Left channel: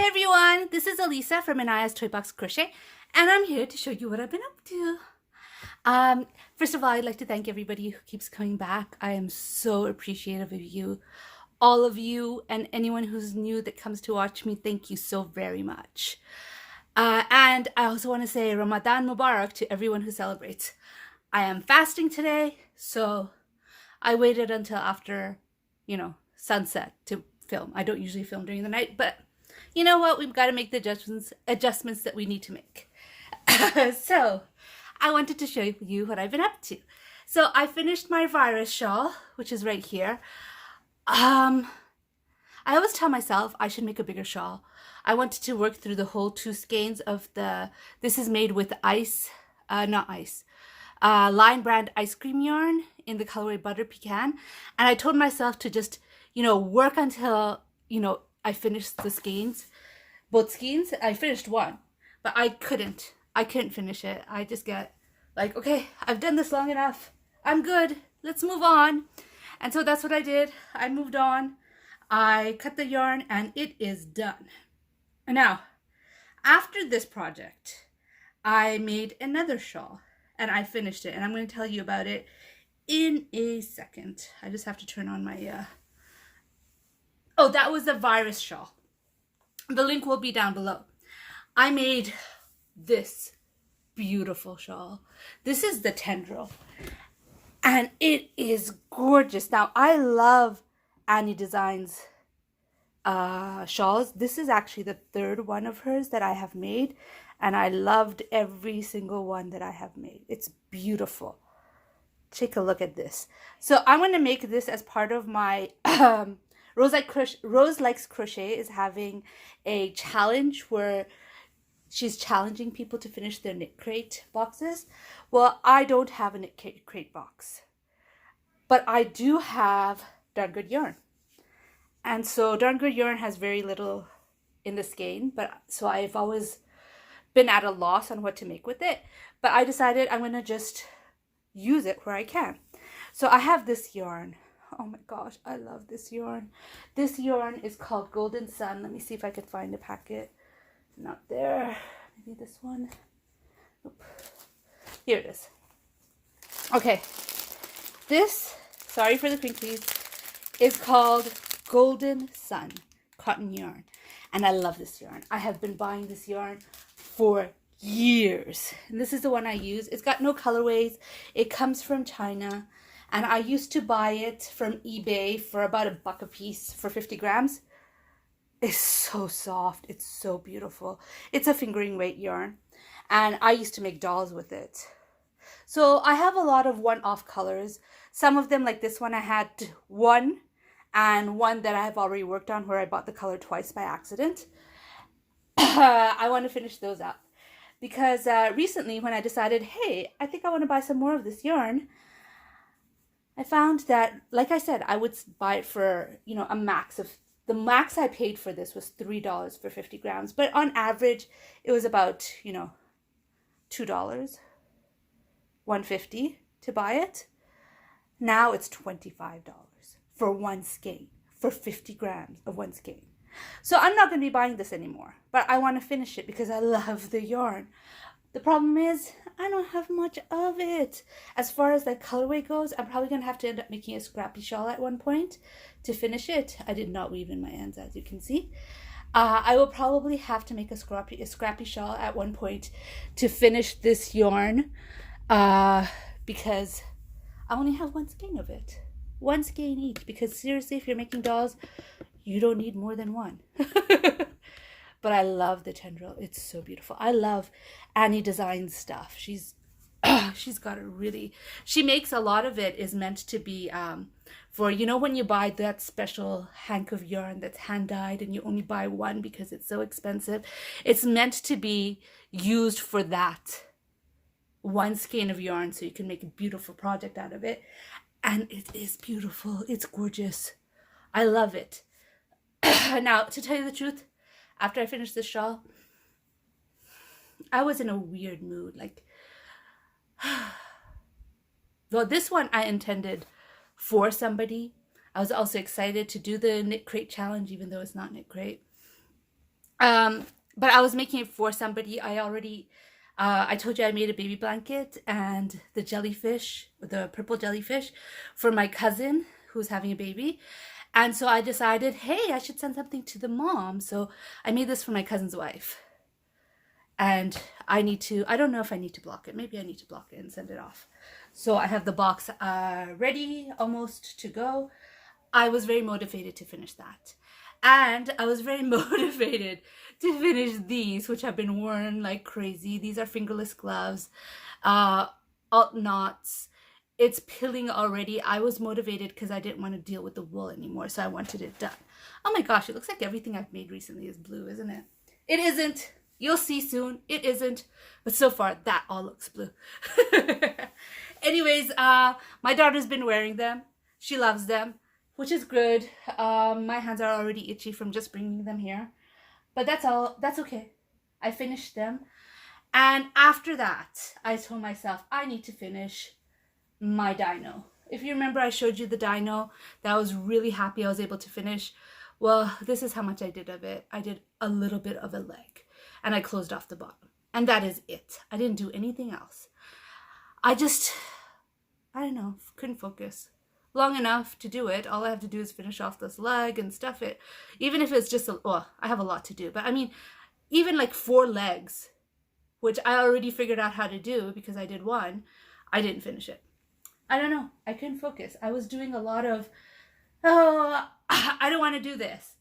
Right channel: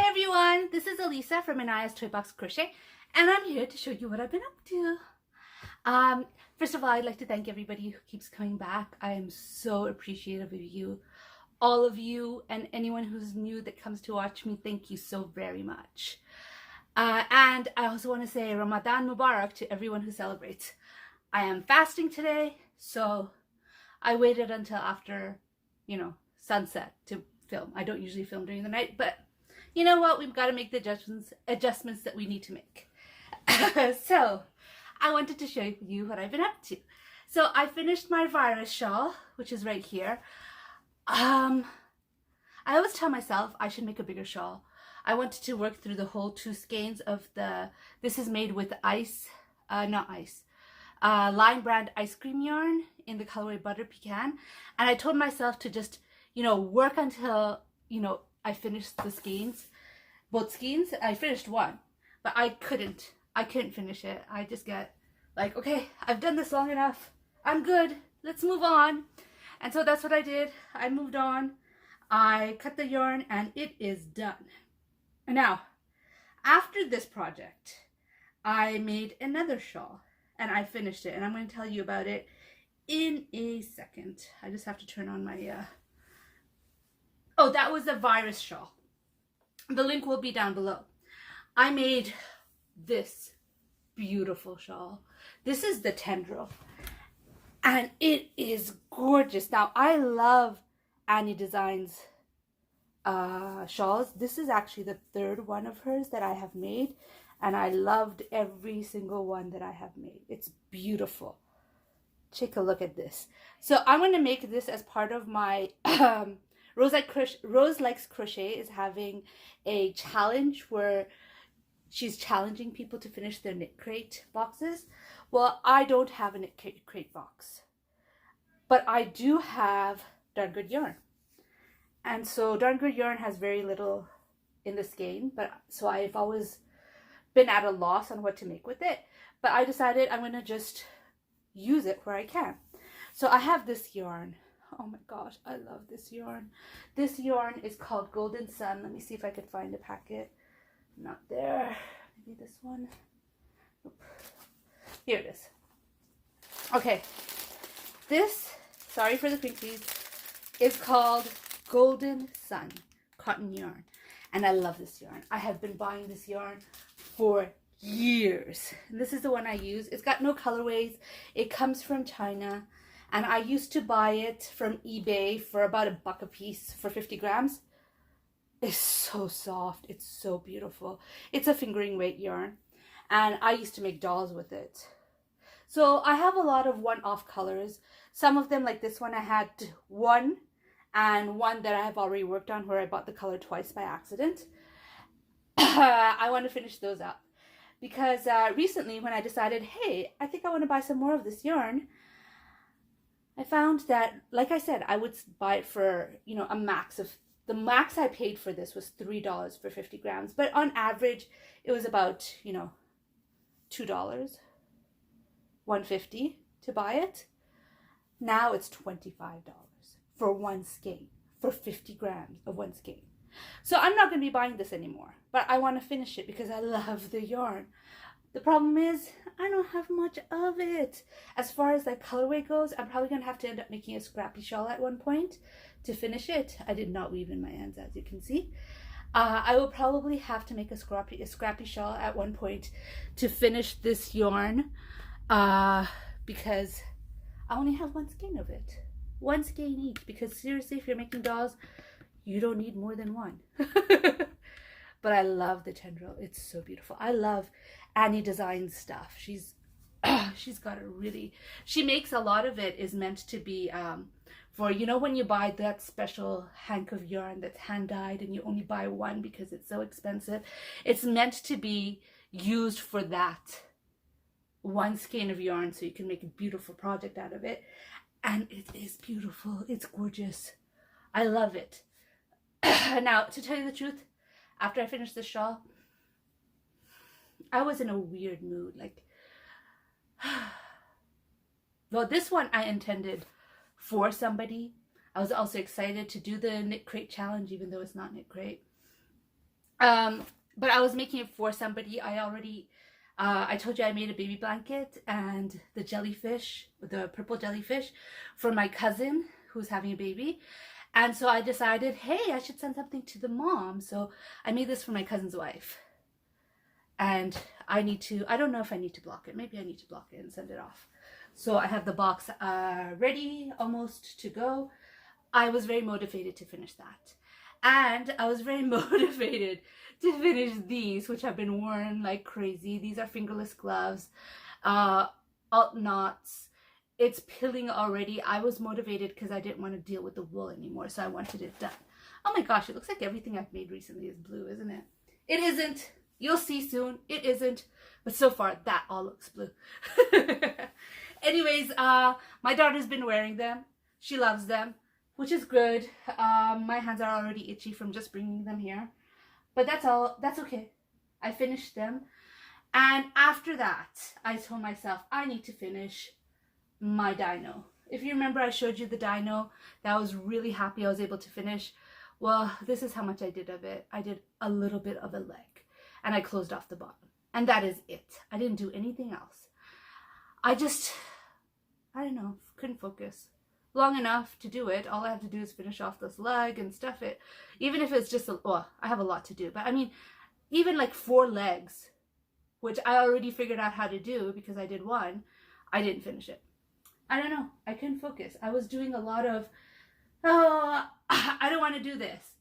Hi everyone, this is Elisa from Anaya's Toy Box Crochet, and I'm here to show you what I've been up to. First of all, I'd like to thank everybody who keeps coming back. I am so appreciative of you, all of you, and anyone who's new that comes to watch me. Thank you so very much. And I also want to say Ramadan Mubarak to everyone who celebrates. I am fasting today, so I waited until after, sunset to film. I don't usually film during the night, but you know what? We've got to make the adjustments that we need to make. So I wanted to show you what I've been up to. So I finished my virus shawl, which is right here. I always tell myself I should make a bigger shawl. I wanted to work through the whole two skeins of this is made with Lion Brand ice cream yarn in the colorway Butter Pecan. And I told myself to just, work until, I finished the skeins, both skeins. I finished one, but I couldn't finish it. I just get like, okay, I've done this long enough. I'm good. Let's move on. And so that's what I did. I moved on. I cut the yarn and it is done. And now, after this project, I made another shawl and I finished it, and I'm going to tell you about it in a second. I just have to turn on my oh, that was the virus shawl. The link will be down below. I made this beautiful shawl. This is the tendril, and it is gorgeous. Now, I love Annie Designs shawls. This is actually the third one of hers that I have made, and I loved every single one that I have made. It's beautiful. Take a look at this. So I'm going to make this as part of my Rose Likes Crochet is having a challenge where she's challenging people to finish their Knit Crate boxes. Well, I don't have a Knit Crate box, but I do have Darn Good Yarn. And so Darn Good Yarn has very little in the skein, but so I've always been at a loss on what to make with it. But I decided I'm going to just use it where I can. So I have this yarn. Oh my gosh, I love this yarn. This yarn is called Golden Sun. Let me see if I could find a packet. Not there. Maybe this one. Oop. Here it is. Okay. This, sorry for the crinklies, is called Golden Sun cotton yarn. And I love this yarn. I have been buying this yarn for years. And this is the one I use. It's got no colorways. It comes from China. And I used to buy it from eBay for about $1 a piece for 50 grams. It's so soft. It's so beautiful. It's a fingering weight yarn. And I used to make dolls with it. So I have a lot of one-off colors. Some of them, like this one, I had one, and one that I have already worked on where I bought the color twice by accident. I want to finish those up. Because recently when I decided, hey, I think I want to buy some more of this yarn, I found that, like I said, I would buy it for, a max of, the max I paid for this was $3 for 50 grams. But on average, it was about, $2, $1.50 to buy it. Now it's $25 for one skein, for 50 grams of one skein. So I'm not going to be buying this anymore, but I want to finish it because I love the yarn. The problem is I don't have much of it. As far as that colorway goes, I'm probably going to have to end up making a scrappy shawl at one point to finish it. I did not weave in my ends, as you can see. I will probably have to make a scrappy shawl at one point to finish this yarn because I only have one skein of it. One skein each, because seriously, if you're making dolls, you don't need more than one. But I love the tendril. It's so beautiful. I love Annie Designs stuff. She's got a really, she makes a lot of it is meant to be for, when you buy that special hank of yarn that's hand dyed and you only buy one because it's so expensive. It's meant to be used for that one skein of yarn so you can make a beautiful project out of it. And it is beautiful. It's gorgeous. I love it. Now, to tell you the truth, after I finished this shawl, I was in a weird mood. Like, well, this one I intended for somebody. I was also excited to do the Knit Crate challenge, even though it's not Knit Crate. Um, but I was making it for somebody. I told you I made a baby blanket and the jellyfish, the purple jellyfish, for my cousin who's having a baby. And so I decided, hey, I should send something to the mom. So I made this for my cousin's wife. And I don't know if I need to block it. Maybe I need to block it and send it off. So I have the box ready, almost to go. I was very motivated to finish that. And I was very motivated to finish these, which have been worn like crazy. These are fingerless gloves, alt knots. It's pilling already. I was motivated because I didn't want to deal with the wool anymore, so I wanted it done. Oh my gosh, it looks like everything I've made recently is blue, isn't it? It isn't. You'll see soon. It isn't. But so far, that all looks blue. Anyways, my daughter's been wearing them. She loves them, which is good. My hands are already itchy from just bringing them here. But that's all. That's okay. I finished them. And after that, I told myself I need to finish my dino. If you remember, I showed you the dino that I was really happy I was able to finish. Well, this is how much I did of it. I did a little bit of a leg and I closed off the bottom. And that is it. I didn't do anything else. I don't know, couldn't focus long enough to do it. All I have to do is finish off this leg and stuff it. Even if it's just, I have a lot to do. But I mean, even like 4 legs, which I already figured out how to do because I did one, I didn't finish it. I don't know. I couldn't focus. I was doing a lot of, I don't want to do this.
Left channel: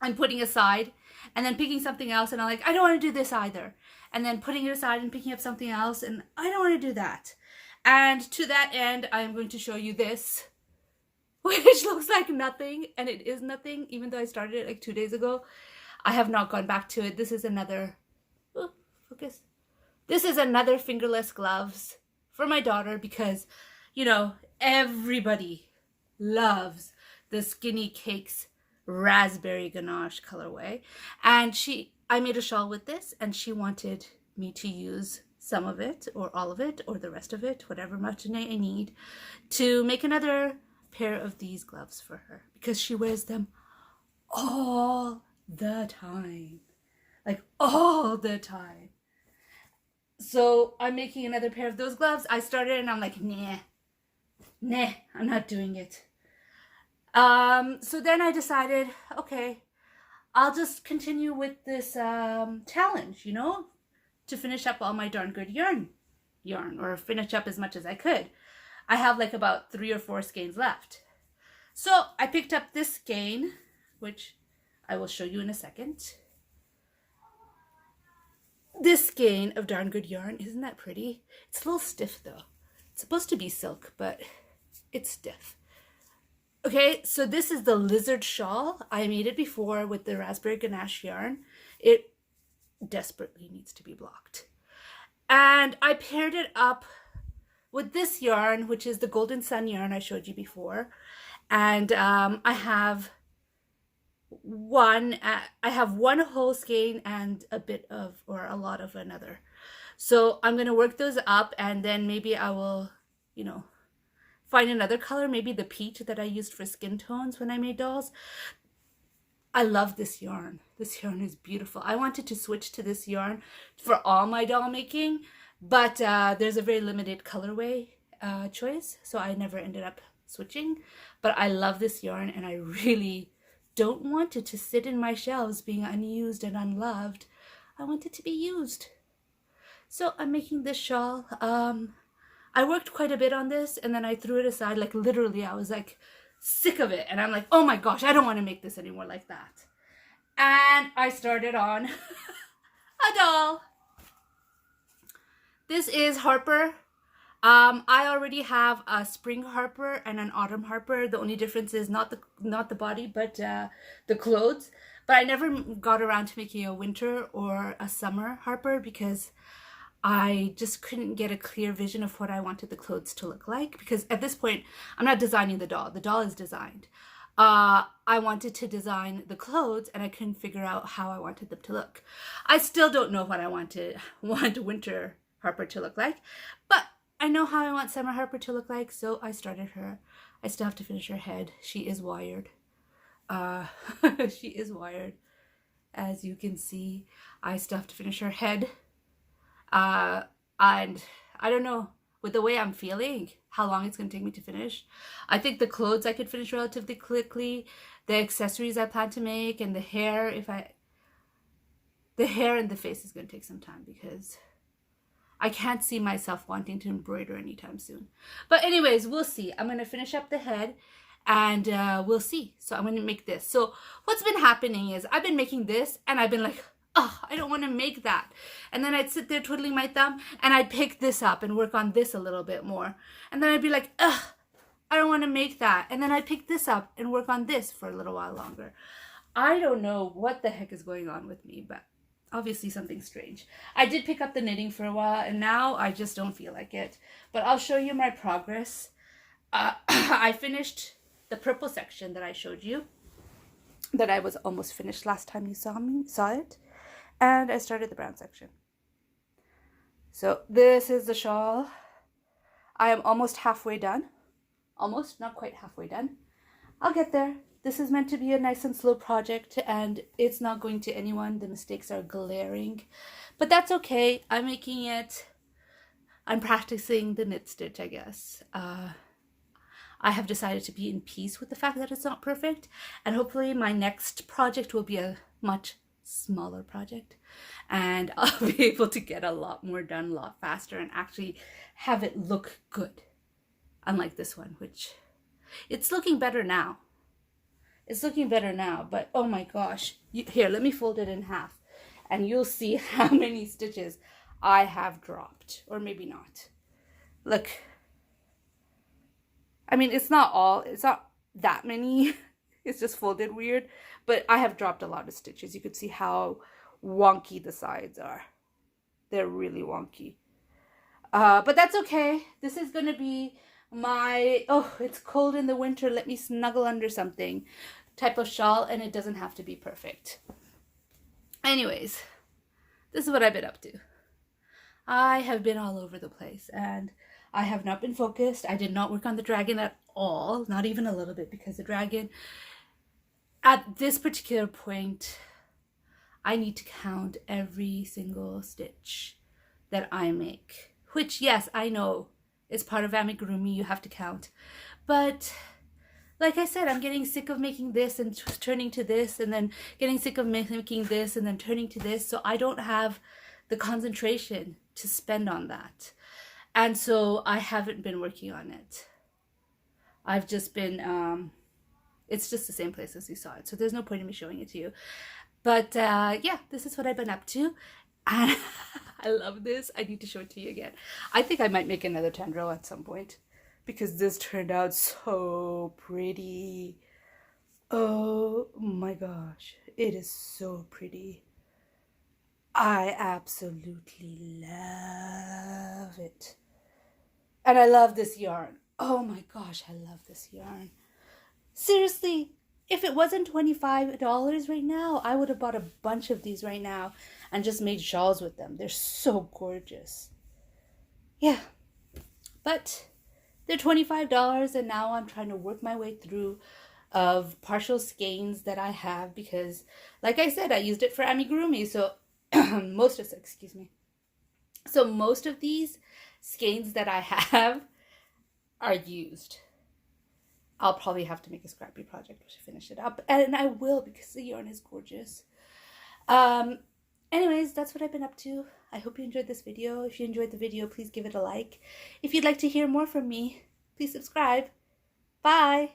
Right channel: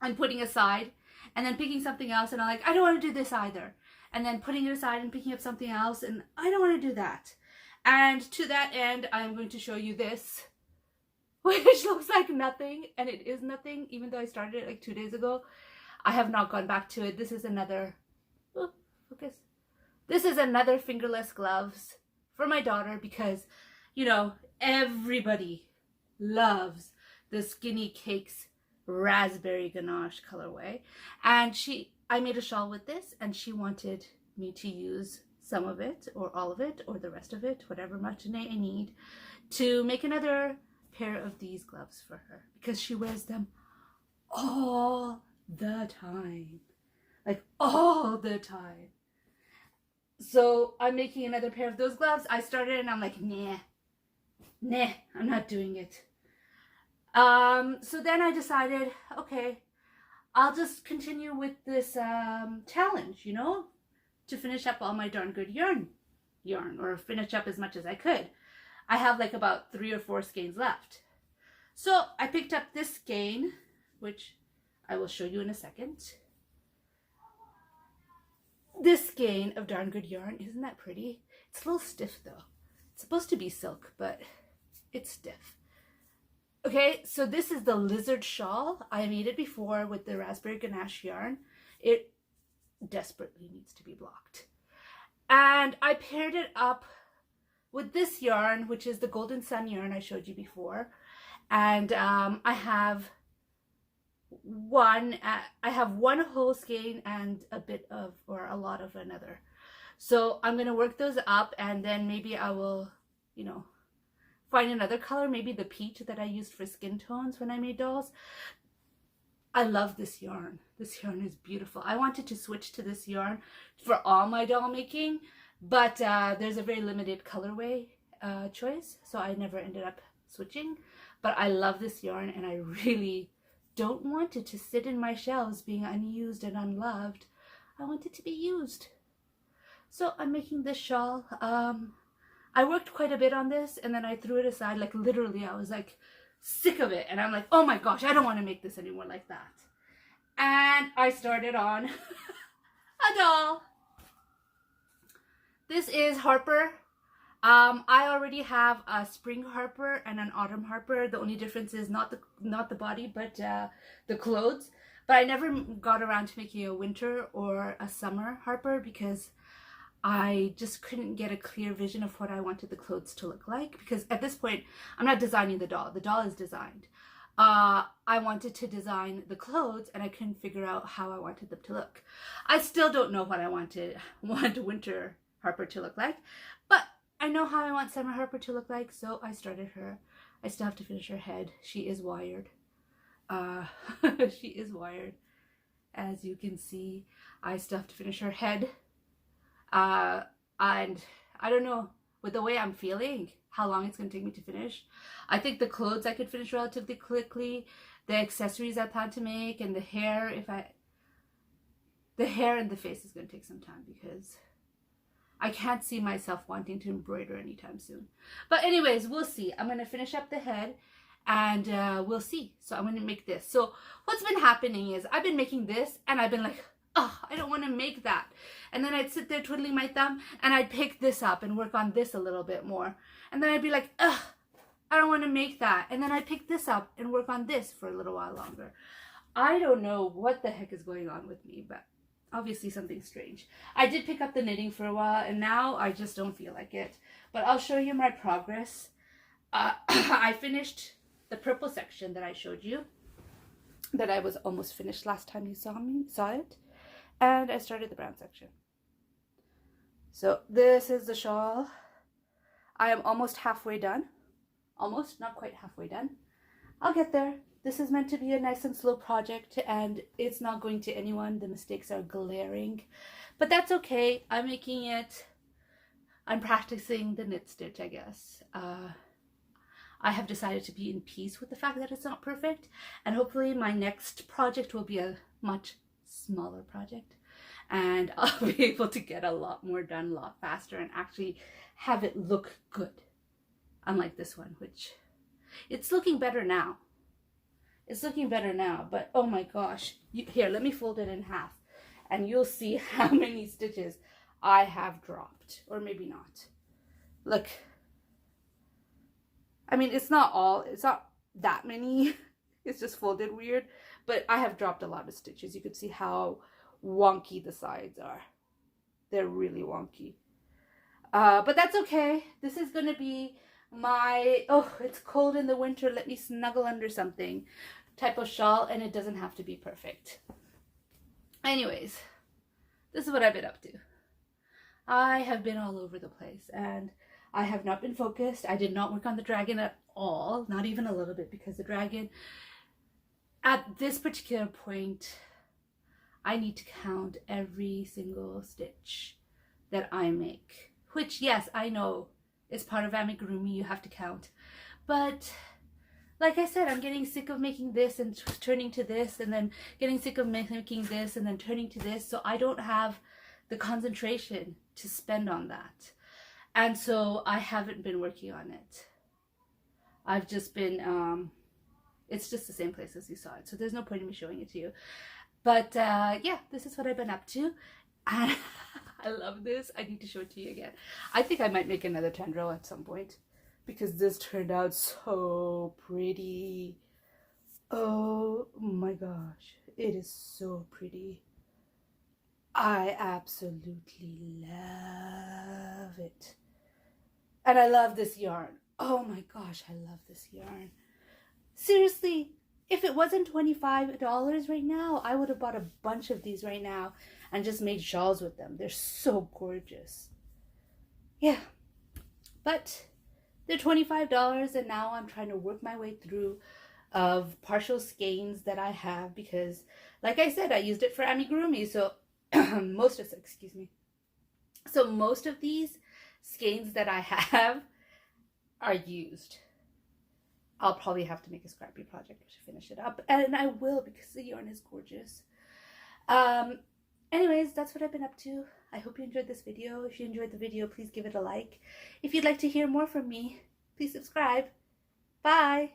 I'm putting aside and then picking something else. And I'm like, I don't want to do this either. And then putting it aside and picking up something else. And I don't want to do that. And to that end, I'm going to show you this, which looks like nothing. And it is nothing, even though I started it like 2 days ago. I have not gone back to it. This is another, focus. This is another fingerless gloves for my daughter because, you know, everybody loves the Skinny Cakes raspberry ganache colorway. And I made a shawl with this and she wanted me to use some of it or all of it or the rest of it, whatever much I need, to make another pair of these gloves for her because she wears them all the time. Like all the time. So I'm making another pair of those gloves. I started and I'm like, nah, I'm not doing it. So then I decided, okay, I'll just continue with this challenge, you know, to finish up all my darn good yarn, or finish up as much as I could. I have like about 3 or 4 skeins left. So I picked up this skein, which I will show you in a second. This skein of darn good yarn, isn't that pretty? It's a little stiff though. It's supposed to be silk, but it's stiff. Okay, so this is the lizard shawl. I made it before with the raspberry ganache yarn. It desperately needs to be blocked. And I paired it up with this yarn, which is the Golden Sun yarn I showed you before. And I have one whole skein and a bit of, or a lot of another. So I'm going to work those up and then maybe I will, you know, find another color, maybe the peach that I used for skin tones when I made dolls. I love this yarn. This yarn is beautiful. I wanted to switch to this yarn for all my doll making, but there's a very limited colorway choice, so I never ended up switching. But I love this yarn and I really don't want it to sit in my shelves being unused and unloved. I want it to be used. So I'm making this shawl. I worked quite a bit on this and then I threw it aside. Like literally I was like sick of it and I'm like, oh my gosh, I don't want to make this anymore like that. And I started on a doll. This is Harper. I already have a spring Harper and an autumn Harper. The only difference is not the body, but the clothes. But I never got around to making a winter or a summer Harper because I just couldn't get a clear vision of what I wanted the clothes to look like. Because at this point, I'm not designing the doll. The doll is designed. I wanted to design the clothes and I couldn't figure out how I wanted them to look. I still don't know what I want winter Harper to look like, but I know how I want summer Harper to look like, so I started her. I still have to finish her head. She is wired. She is wired. As you can see, I still have to finish her head. And I don't know, with the way I'm feeling, how long it's going to take me to finish. I think the clothes I could finish relatively quickly. The accessories I plan to make, and the hair, the hair and the face is going to take some time because I can't see myself wanting to embroider anytime soon. But anyways, we'll see. I'm going to finish up the head and we'll see. So I'm going to make this. So what's been happening is I've been making this and I've been like, oh, I don't want to make that. And then I'd sit there twiddling my thumb and I'd pick this up and work on this a little bit more. And then I'd be like, ugh, I don't want to make that. And then I'd pick this up and work on this for a little while longer. I don't know what the heck is going on with me, but obviously something strange. I did pick up the knitting for a while and now I just don't feel like it. But I'll show you my progress. I finished the purple section that I showed you, that I was almost finished last time you saw it. And I started the brown section. So this is the shawl. I am almost halfway done. Almost, not quite halfway done. I'll get there. This is meant to be a nice and slow project and it's not going to anyone. The mistakes are glaring, but that's okay. I'm making it. I'm practicing the knit stitch, I guess. I have decided to be in peace with the fact that it's not perfect, and hopefully my next project will be a much smaller project and I'll be able to get a lot more done a lot faster and actually have it look good. Unlike this one, which it's looking better now. It's looking better now, but oh my gosh. Here, let me fold it in half and you'll see how many stitches I have dropped, or maybe not. Look. I mean, it's not that many. It's just folded weird, but I have dropped a lot of stitches. You could see how wonky the sides are. They're really wonky. But that's okay. This is going to be my, oh, it's cold in the winter, let me snuggle under something type of shawl, and it doesn't have to be perfect. Anyways, this is what I've been up to. I have been all over the place and I have not been focused. I did not work on the dragon at all, not even a little bit, because the dragon, at this particular point, I need to count every single stitch that I make, which, yes, I know is part of amigurumi, you have to count. But like I said, I'm getting sick of making this and turning to this, and then getting sick of making this and then turning to this, so I don't have the concentration to spend on that. And so I haven't been working on it. I've just been, it's just the same place as you saw it, so there's no point in me showing it to you. But yeah, this is what I've been up to. And I love this. I need to show it to you again. I think I might make another tendril at some point because this turned out so pretty. Oh my gosh, it is so pretty. I absolutely love it. And I love this yarn. Oh my gosh, I love this yarn. Seriously, if it wasn't $25 right now, I would have bought a bunch of these right now and just made shawls with them. They're so gorgeous. Yeah, but they're $25 and now I'm trying to work my way through of partial skeins that I have because, like I said, I used it for amigurumi. So most of these skeins that I have are used. I'll probably have to make a scrappy project to finish it up, and I will because the yarn is gorgeous. Anyways, that's what I've been up to. I hope you enjoyed this video. If you enjoyed the video, please give it a like. If you'd like to hear more from me, please subscribe. Bye!